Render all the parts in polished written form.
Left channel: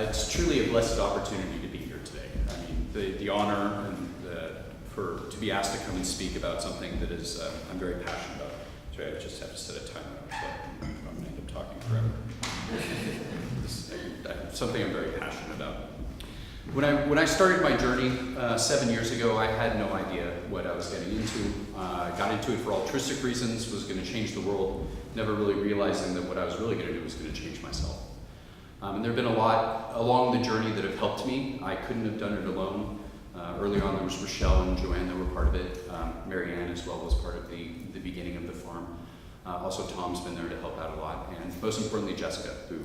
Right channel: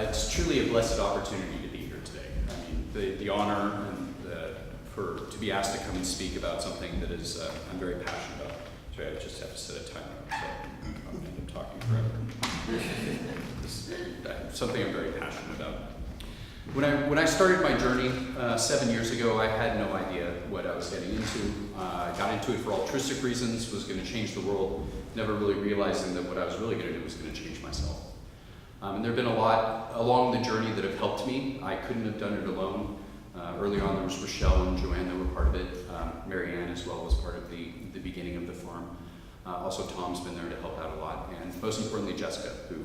It's truly a blessed opportunity to be here today. I mean, the honor and to be asked to come and speak about something that is I'm very passionate about. Sorry, I just have to set a timer, so I'm going to end up talking forever. This is something I'm very passionate about. When I started my journey 7 years ago, I had no idea what I was getting into. I got into it for altruistic reasons, was going to change the world, never really realizing that what I was really going to do was going to change myself. And there have been a lot along the journey that have helped me. I couldn't have done it alone. Early on there was Rochelle and Joanne that were part of it. Mary Ann as well was part of the beginning of the farm. Also Tom's been there to help out a lot. And most importantly Jessica, who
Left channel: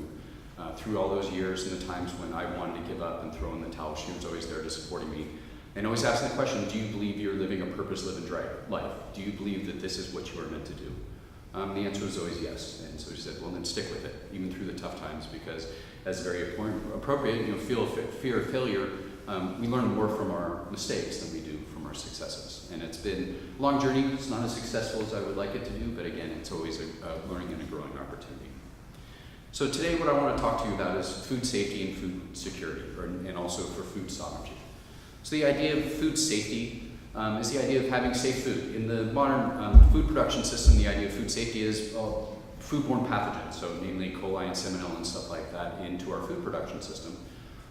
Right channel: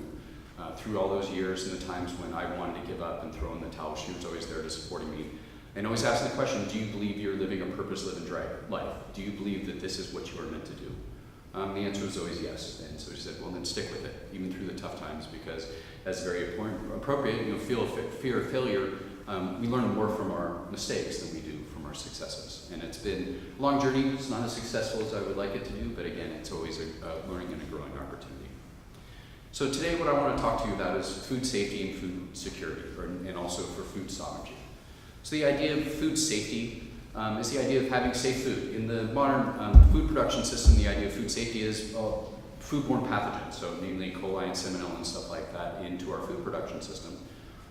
through all those years and the times when I wanted to give up and throw in the towel, she was always there to supporting me. And always asking the question, do you believe you're living a purpose-driven life? Do you believe that this is what you are meant to do? The answer was always yes. And so she said, well then stick with it, even through the tough times, because that's very appropriate. Fear of failure, we learn more from our mistakes than we do from our successes. And it's been a long journey. It's not as successful as I would like it to do, but again, it's always a learning and a growing opportunity. So today what I want to talk to you about is food safety and food security, and also for food sovereignty. So the idea of food safety is the idea of having safe food. In the modern food production system, the idea of food safety is foodborne pathogens, so namely E. coli and salmonella and stuff like that into our food production system.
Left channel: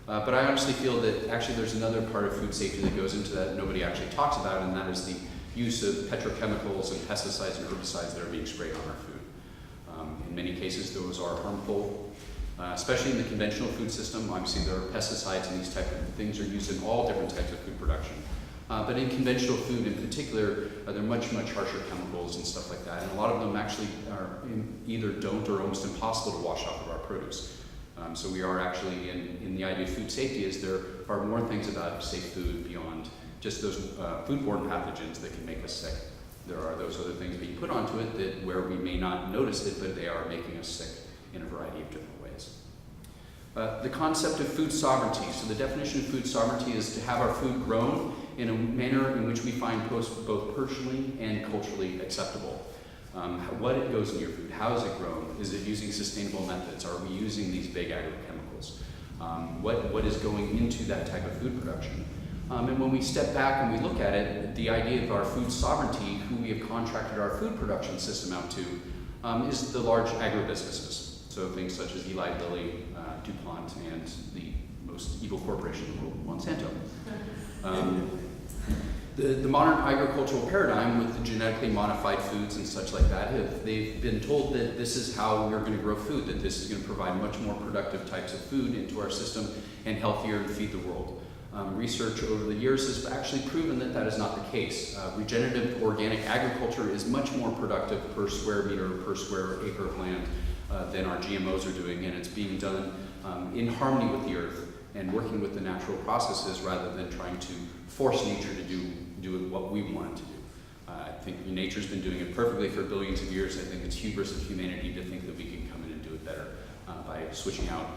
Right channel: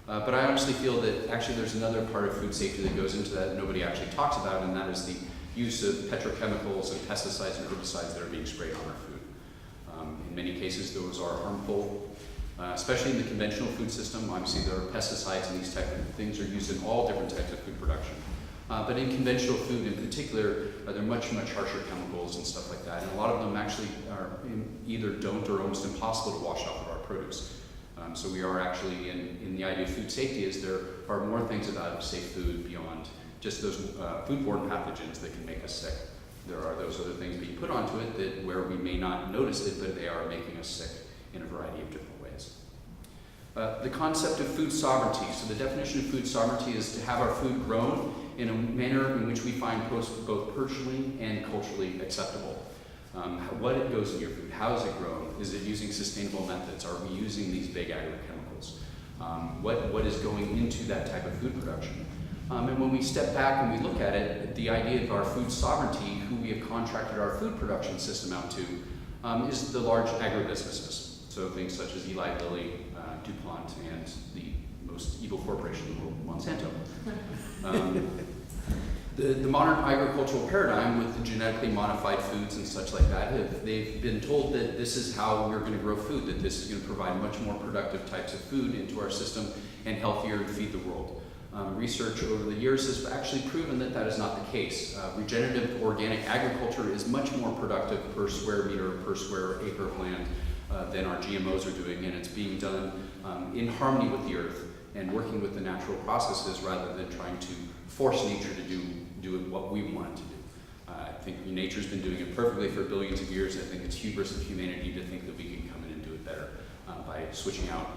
But I honestly feel that actually there's another part of food safety that goes into that nobody actually talks about, and that is the use of petrochemicals and pesticides and herbicides that are being sprayed on our food. In many cases, those are harmful, especially in the conventional food system. Obviously, there are pesticides and these type of things are used in all different types of food production. But in conventional food in particular, there are much, much harsher chemicals and stuff like that. And a lot of them actually either don't or almost impossible to wash off of our produce. So we are actually, in the idea of food safety, is there are more things about safe food beyond just those foodborne pathogens that can make us sick. There are those other things being put onto it where we may not notice it, but they are making us sick in a variety of different ways. The concept of food sovereignty. So the definition of food sovereignty is to have our food grown in a manner in which we find both personally and culturally acceptable. What goes in your food? How is it grown? Is it using sustainable methods? Are we using these big agrochemicals? What is going into that type of food production? And when we step back and we look at it, the idea of our food sovereignty, who we have contracted our food production system out to, is the large agribusinesses. So things such as Eli Lilly, DuPont, and the most evil corporation in the world, Monsanto. The modern agricultural paradigm with the genetically modified foods and such like that, they've been told that this is how we're going to grow food, that this is going to provide much more productive types of food into our system and healthier and feed the world. Research over the years has actually proven that that is not the case. Regenerative organic agriculture is much more productive per square meter, per square acre of land than our GMOs are doing, and it's being done in harmony with the earth and working with the natural processes rather than trying to force nature to do what we want it to do. I think nature's been doing it perfectly for billions of years. I think it's hubris of humanity to think that we can come in and do it better by switching out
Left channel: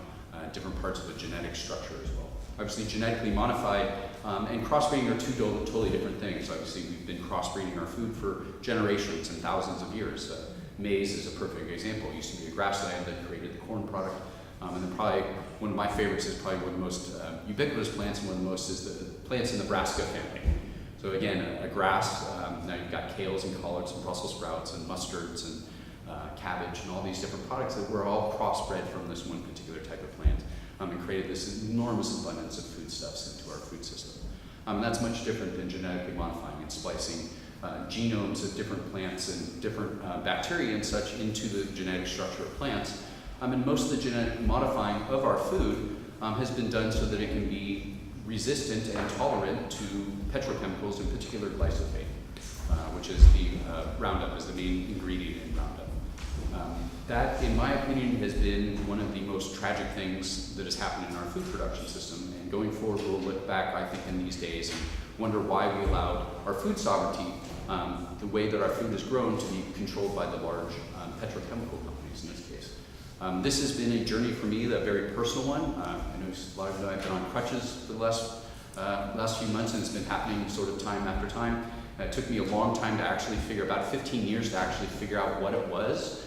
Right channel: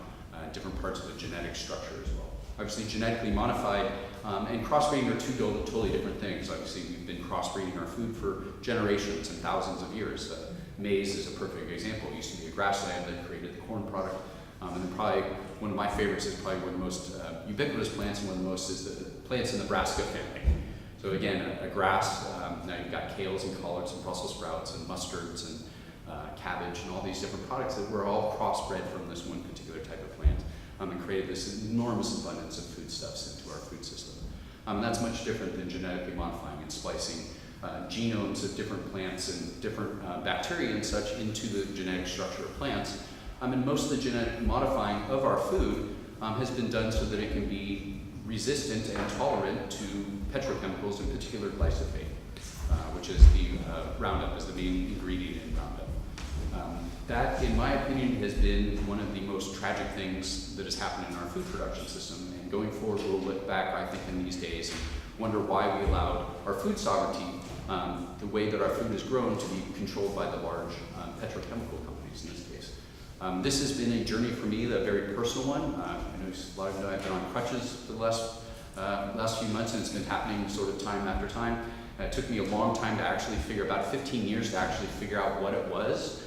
different parts of the genetic structure as well. Obviously, genetically modified and crossbreeding are two totally different things. Obviously, we've been crossbreeding our food for generations and thousands of years. Maize is a perfect example. It used to be a grassland that created the corn product. And then probably one of my favorites is probably one of the most ubiquitous plants, and one of the most is the plants in the brassica family. So again, a grass. Now you've got kales and collards and Brussels sprouts and mustards and cabbage and all these different products that were all crossbred from this one particular type of plant. And created this enormous abundance of foodstuffs into our food system. That's much different than genetically modifying and splicing genomes of different plants and different bacteria and such into the genetic structure of plants. And most of the genetic modifying of our food has been done so that it can be resistant and tolerant to petrochemicals, in particular glyphosate, which is the Roundup, is the main ingredient in Roundup. That, in my opinion, has been one of the most tragic things that has happened in our food production system. And going forward, we'll look back, I think, in these days and wonder why we allowed our food sovereignty, the way that our food is grown, to be controlled by the large petrochemical companies in this case. This has been a journey for me, a very personal one. I know a lot of you know I've been on crutches for the last few months, and it's been happening sort of time after time. It took me a long time to actually about 15 years to actually figure out what it was.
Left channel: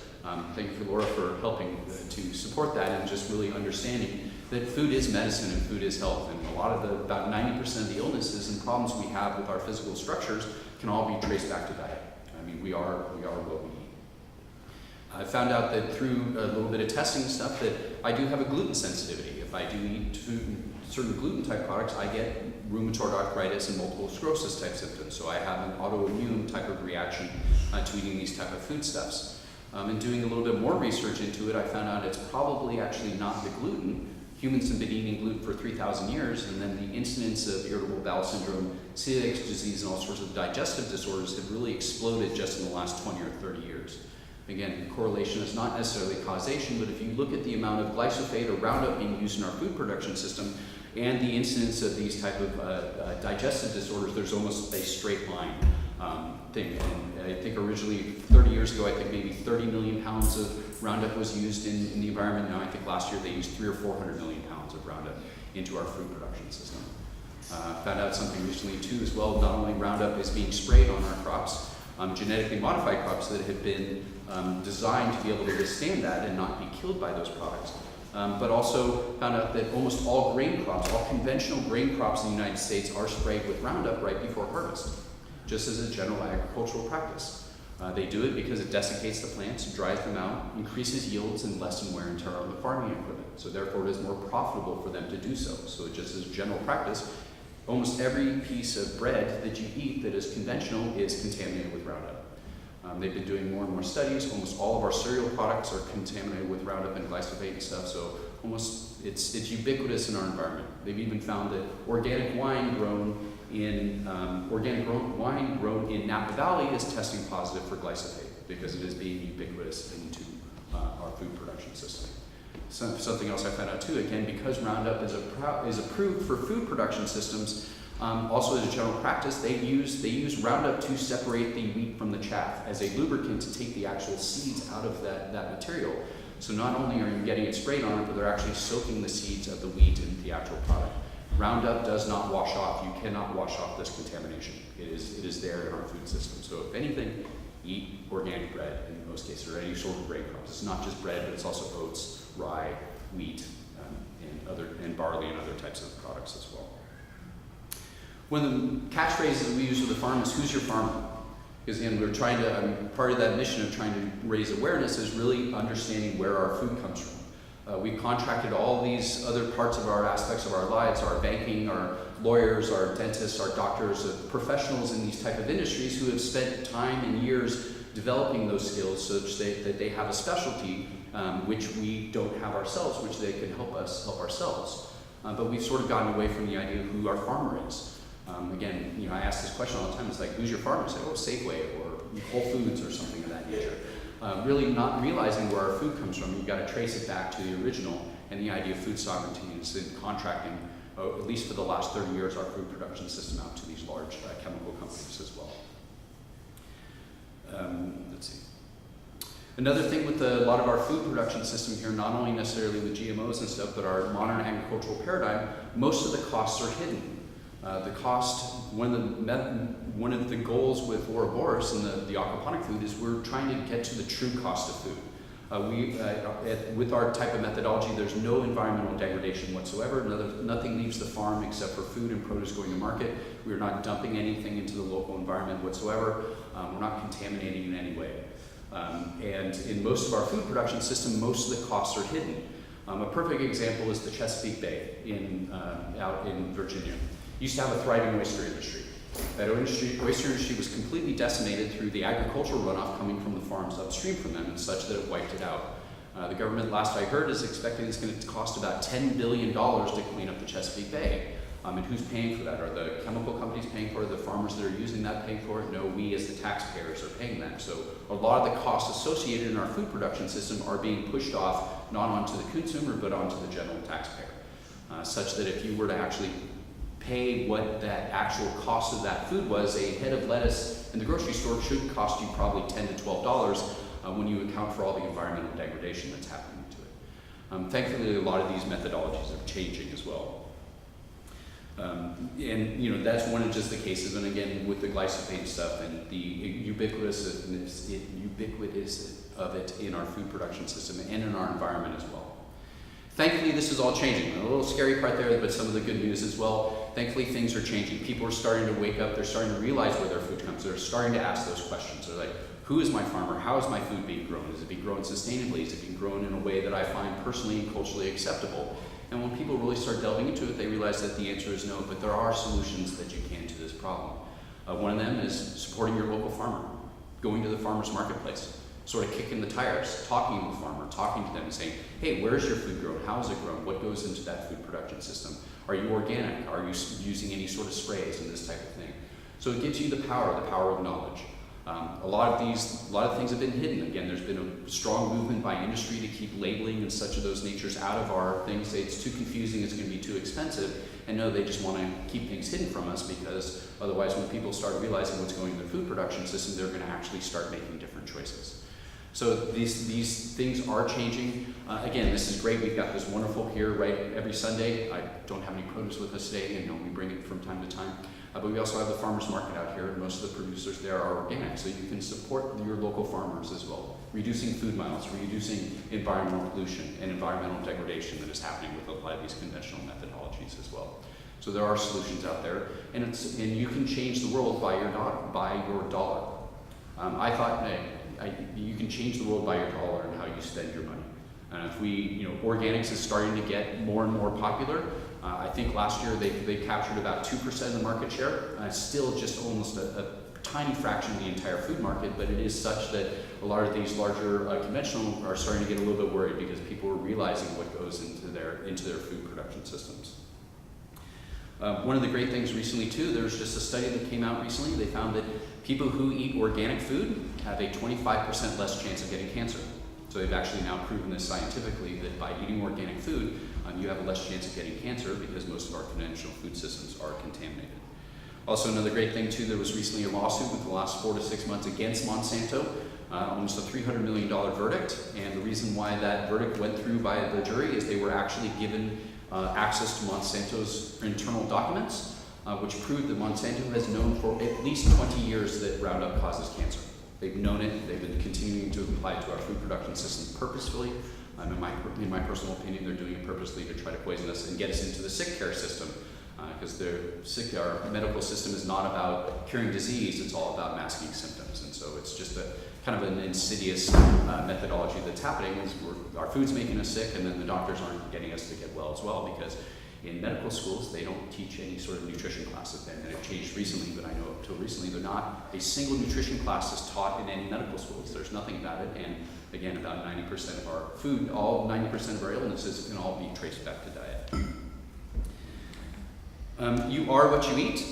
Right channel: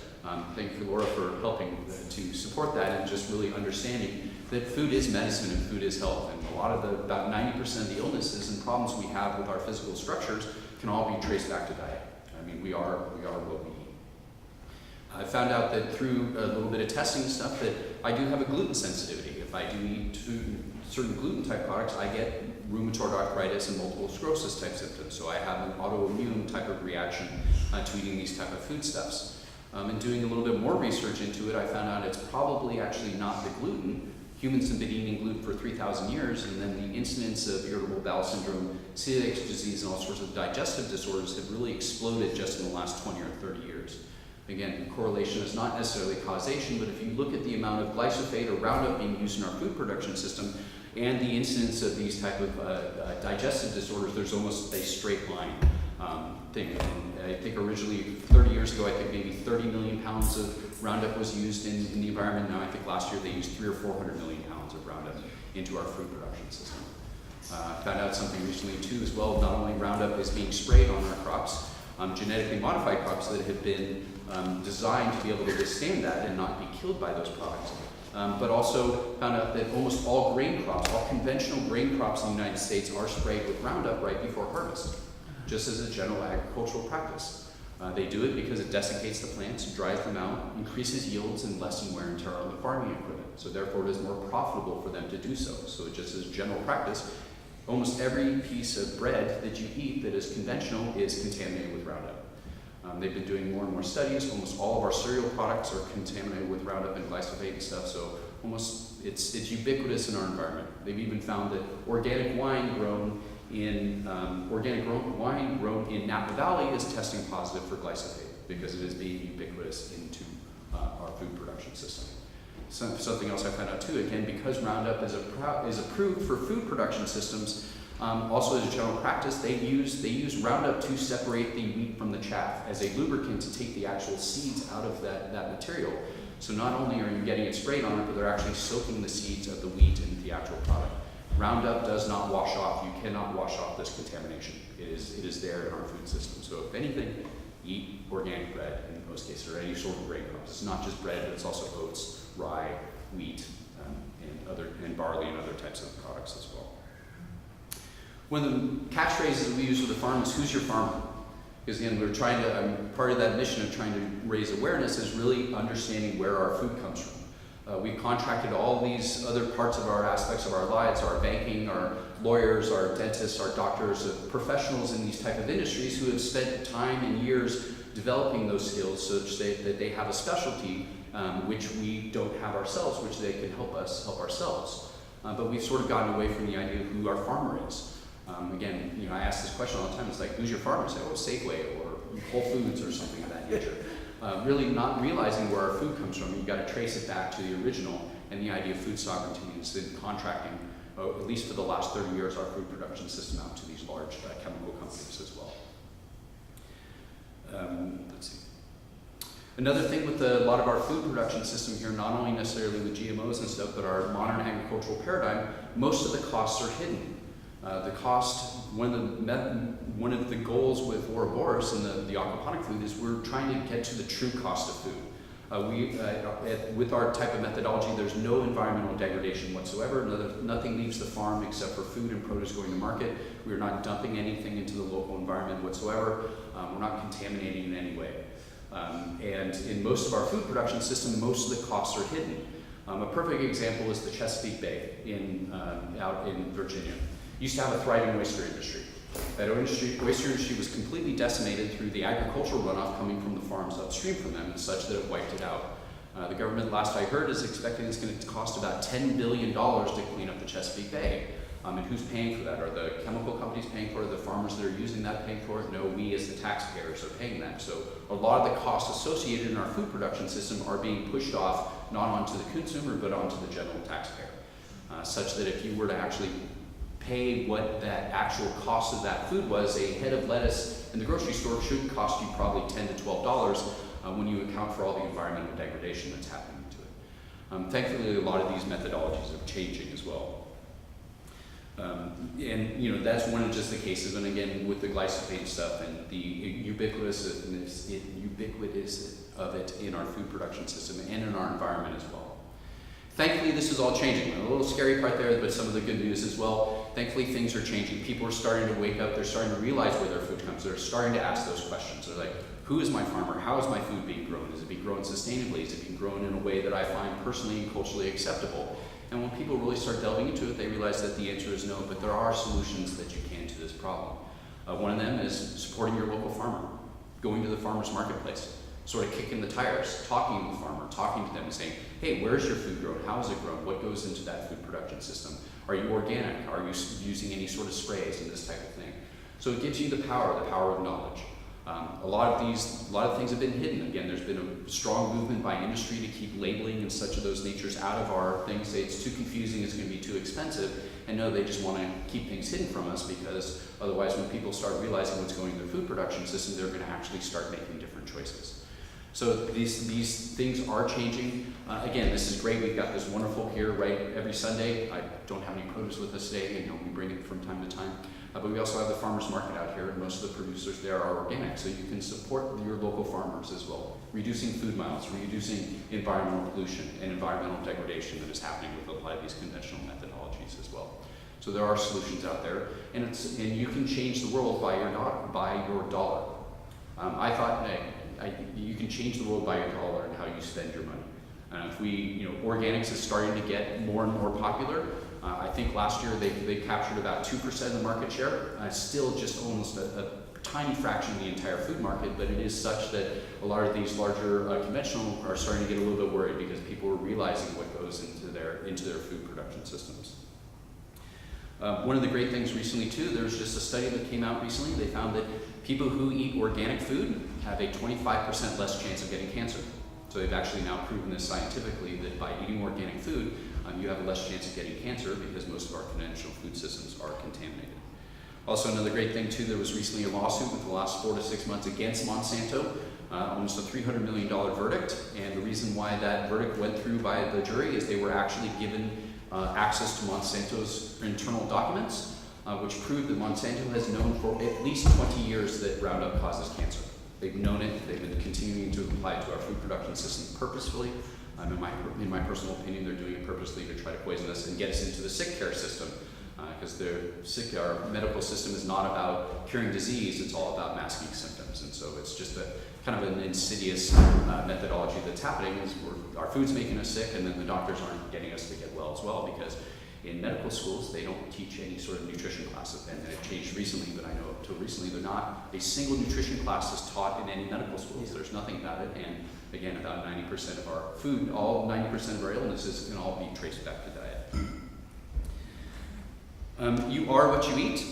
Thank you for Laura for helping to support that and just really understanding that food is medicine and food is health, and about 90% of the illnesses and problems we have with our physical structures can all be traced back to diet. I mean, we are what we eat. I found out that through a little bit of testing and stuff that I do have a gluten sensitivity. If I do eat certain gluten type products, I get rheumatoid arthritis and multiple sclerosis type symptoms. So I have an autoimmune type of reaction to eating these type of foodstuffs. And doing a little bit more research into it, I found out it's probably actually not the gluten. Humans have been eating gluten for 3,000 years, and then the incidence of irritable bowel syndrome, celiac disease, and all sorts of digestive disorders have really exploded just in the last 20 or 30 years. Again, correlation is not necessarily causation, but if you look at the amount of glyphosate or Roundup being used in our food production system and the incidence of these type of digestive disorders, there's almost a straight line thing. And I think originally, 30 years ago, I think maybe 30 million pounds of Roundup was used in the environment. Now I think last year they used 300 or 400 million pounds of Roundup into our food production system. Found out something recently too as well. Not only Roundup is being sprayed on our crops, genetically modified crops that have been designed to be able to withstand that and not be killed by those products. But also found out that almost all grain crops, all conventional grain crops in the United States are sprayed with Roundup right before harvest, just as a general agricultural practice. They do it because it desiccates the plants, dries them out, increases yields, and lessens wear and tear on the farming equipment. So therefore it is more profitable for them to do so. So just as general practice, almost every piece of bread that you eat that is conventional is contaminated with Roundup. They've been doing more and more studies. Almost all of our cereal products are contaminated with Roundup and glyphosate and stuff, so almost it's ubiquitous in our environment. They've even found that organic wine grown in Napa Valley is testing positive for glyphosate because it is being ubiquitous into our food production system. Something else I found out too, again, because Roundup is approved for food production systems, also as a general practice, they use Roundup to separate the wheat from the chaff as a lubricant to take the actual seeds out of that material. So not only are you getting it sprayed on it, but they're actually soaking the seeds of the wheat into the actual product. Roundup does not wash off. You cannot wash off this contamination. It is there in our food system. So if anything, eat organic bread in most cases, or any sort of grain crops. It's not just bread, but it's also oats, rye, wheat, and barley and other types of products as well. One of the catchphrases we use with the farm is, who's your farmer? Because again, we're trying to, part of that mission of trying to raise awareness is really understanding where our food comes from. We've contracted all these other parts of our aspects of our lives, our banking, our lawyers, our dentists, our doctors, professionals in these type of industries who have spent time and years developing those skills such that they have a specialty which we don't have ourselves, which they can help us help ourselves. But we've sort of gotten away from the idea of who our farmer is. Again, I ask this question all the time. It's like, who's your farmer? I say, oh, Safeway or Whole Foods or something of that nature. Really not realizing where our food comes from. You've got to trace it back to the original, and the idea of food sovereignty is in contracting, at least for the last 30 years, our food production system out to these large chemical companies as well. Let's see. Another thing with a lot of our food production system here, not only necessarily with GMOs and stuff, but our modern agricultural paradigm, most of the costs are hidden. The cost, one of the goals with Ouroboros and the aquaponic food is we're trying to get to the true cost of food. With our type of methodology, there's no environmental degradation whatsoever. Nothing leaves the farm except for food and produce going to market. We're not dumping anything into the local environment whatsoever. We're not contaminating in any way. And in most of our food production system, most of the costs are hidden. A perfect example is the Chesapeake Bay out in Virginia. Used to have a thriving oyster industry. That oyster industry was completely decimated through the agricultural runoff coming from the farms upstream from them, and such that it wiped it out. The government, last I heard, is expecting it's going to cost about $10 billion to clean up the Chesapeake Bay. And who's paying for that? Are the chemical companies paying for it? Are the farmers that are using that paying for it? No, we as the taxpayers are paying that. So a lot of the costs associated in our food production system are being pushed off, not onto the consumer, but onto the general taxpayer. Such that if you were to actually pay what that actual cost of that food was, a head of lettuce in the grocery store should cost you probably $10 to $12 when you account for all the environmental degradation that's happening to it. Thankfully, a lot of these methodologies are changing as well. And that's one of just the cases, and again, with the glyphosate stuff and the ubiquitous of it in our food production system and in our environment as well. Thankfully, this is all changing. A little scary part there, but some of the good news as well. Thankfully, things are changing. People are starting to wake up. They're starting to realize where their food comes. They're starting to ask those questions. They're like, who is my farmer? How is my food being grown? Is it being grown sustainably? Is it being grown in a way that I find personally and culturally acceptable? And when people really start delving into it, they realize that the answer is no, but there are solutions that you can to this problem. One of them is supporting your local farmer, going to the farmer's marketplace, sort of kicking the tires, talking to the farmer, talking to them and saying, hey, where's your food grown? How is it grown? What goes into that food production system? Are you organic? Are you using any sort of sprays and this type of thing? So it gives you the power of knowledge. A lot of things have been hidden. Again, there's been a strong movement by industry to keep labeling and such of those natures out of our things. Say it's too confusing, it's going to be too expensive. And no, they just want to keep things hidden from us, because otherwise when people start realizing what's going in their food production system, they're going to actually start making different choices. So these things are changing. Again, this is great. We've got this wonderful here right every Sunday. I don't have any produce with us today, we bring it from time to time. But we also have the farmers market out here, and most of the producers there are organic, so you can support your local farmers as well. Reducing food miles, reducing environmental pollution and environmental degradation that is happening with a lot of these conventional methodologies as well. So there are solutions out there, and you can change the world by your dollar. I thought you can change the world by your dollar and how you spend your money. If organics is starting to get more and more popular. I think last year they captured about 2% of the market share. Still just almost a tiny fraction of the entire food market, but it is such that a lot of these larger conventional are starting to get a little bit worried, because people are realizing what goes into their food production systems. One of the great things recently too, there was just a study that came out recently. They found that people who eat organic food have a 25% less chance of getting cancer. So they've actually now proven this scientifically, that by eating organic food, you have a less chance of getting cancer, because most of our conventional food systems are contaminated. Also, another great thing too, there was recently a lawsuit within the last 4 to 6 months against Monsanto, almost a $300 million verdict. And the reason why that verdict went through by the jury is they were actually given access to Monsanto's internal documents, which proved that Monsanto has known for at least 20 years that Roundup causes cancer. They've known it. They've been continuing to apply it to our food production system purposefully. In my personal opinion, they're doing it purposely to try to poison us and get us into the sick care system, because our medical system is not about curing disease, it's all about masking symptoms. And so it's just a kind of an insidious methodology that's happening, is our food's making us sick, and then the doctors aren't getting us to get well as well, because in medical schools, they don't teach any sort of nutrition classes. And it changed recently, but I know up till recently, they're not a single nutrition class is taught in any medical schools. There's nothing about it. And again, about 90% of our food, 90% of our illnesses can all be traced back to diet. You are what you eat.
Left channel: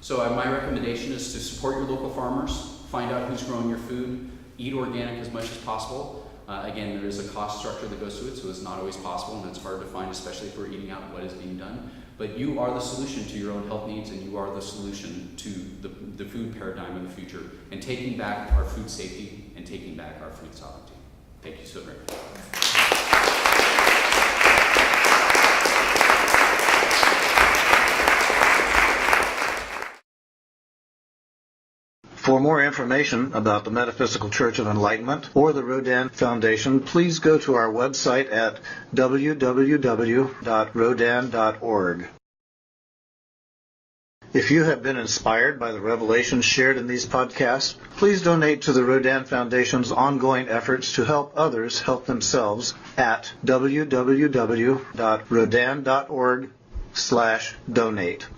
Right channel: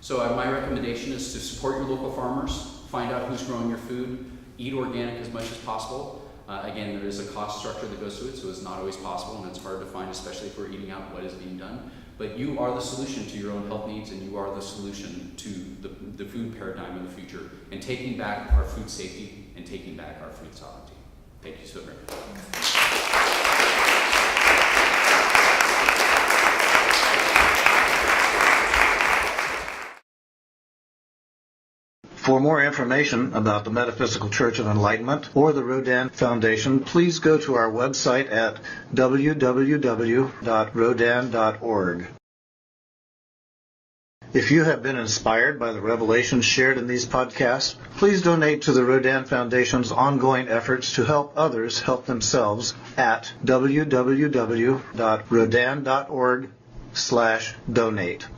So my recommendation is to support your local farmers, find out who's growing your food, eat organic as much as possible. Again, there is a cost structure that goes to it, so it's not always possible, and it's hard to find, especially if we're eating out what is being done. But you are the solution to your own health needs, and you are the solution to the food paradigm of the future, and taking back our food safety and taking back our food sovereignty. Thank you so very much. For more information about the Metaphysical Church of Enlightenment or the Rodin Foundation, please go to our website at www.rodin.org. If you have been inspired by the revelations shared in these podcasts, please donate to the Rodin Foundation's ongoing efforts to help others help themselves at www.rodin.org/donate.